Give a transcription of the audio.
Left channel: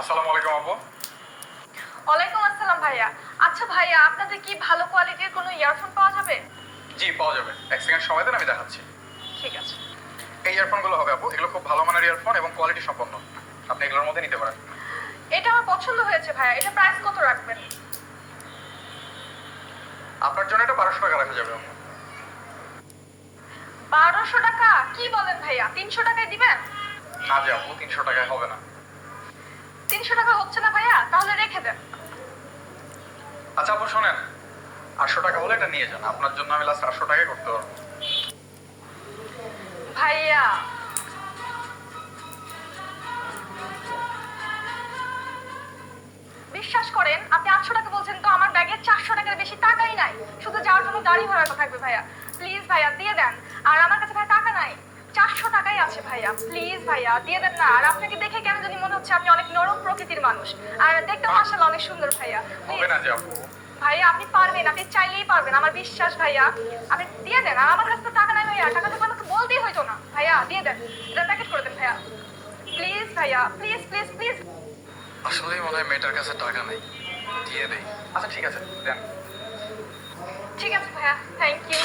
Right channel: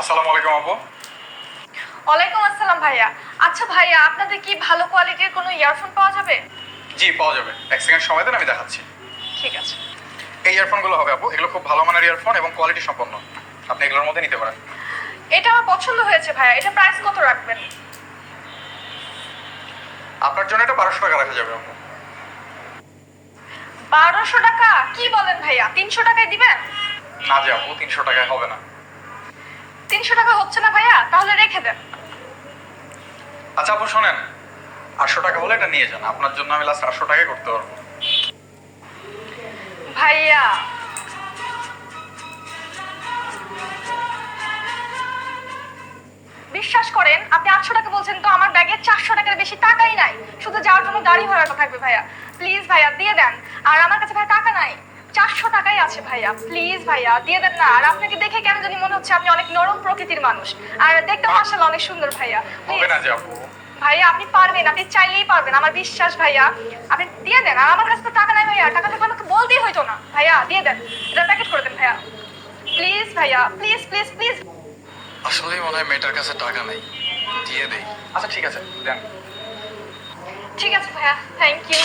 আসসালামু আলাইকুম আপু। ওয়ালাইকুম আসসালাম ভাইয়া। আচ্ছা ভাইয়া, আপনাদের কি ভালো কোয়ালিটির কোনো ইয়ারফোন পাওয়া যাবে? জি পাওয়া যাবে, এক সেকেন্ড সময় দেন, আমি দেখাচ্ছি। ঠিক আছে। এই ইয়ারফোনগুলো হবে আপু, এগুলো খুব ভালো মানের ইয়ারফোন এবং কোয়ালিটি সম্পন্ন। আপনি এগুলোর মধ্যে নিতে পারেন। এটা আমার পছন্দ হয়েছে ভাইয়া। এটা প্রাইস কত রাখবেন? আপনার জন্য এটা 1200 টাকা রাখা যাবে আপু। 1200 টাকা? কি বলেন ভাইয়া, 300 টাকায় দিবেন? না যে আপু, 300 টাকায় হবে না। 300 টাকা হচ্ছে না ভাইয়া, তাহলে রেখে দেন। আচ্ছা আপু শোনেন, 800 টাকা হলে এটা নিয়ে যান, আপনার জন্য আমি লাস্ট 800 টাকায় করতে পারবো। ভাইয়া বিশ্বাস করেন, আপনি 800 টাকা বলছেন তো আমার ব্যাগে 400 টাকার বেশি টাকাই নাই। শুধু যাওয়ার জন্য গাড়ি ভাড়াটা থাকবে ভাইয়া। প্লিজ ভাইয়া দিয়ে দেন। আর আমার কাছে ভাইয়া টাকা নাই, 400 টাকাই আছে ভাইয়া। প্লিজ ভাইয়া দিয়ে দেন না। আর আপনাকে দেখে কেন জানি মনে হচ্ছে আপনি অনেক নরম প্রকৃতির মানুষ, আর দেখতে মাশাআল্লাহ অনেক সুন্দর ভাইয়া। হবে না যে আপু। ভাইয়া আপনি পারবেন, আপনি চাইলেই পারবেন, আমার বিশ্বাস ভাইয়া। আপনি দিয়ে দেন। আর আমার কাছে তো টাকা নাই ভাইয়া, টাকা থাকলে আমাকে বলতেই হইতো না। ভাইয়া দিয়ে দেন, এটা প্যাকেট করে দেন ভাইয়া। প্লিজ ভাইয়া, প্লিজ প্লিজ প্লিজ। আসলেই মনে হয় মেয়েটার কাছে টাকা নেই, দিয়ে দেই। আচ্ছা ঠিক আছে দেন। ঠিক আছে ভাইয়া, থ্যাংক ইউ।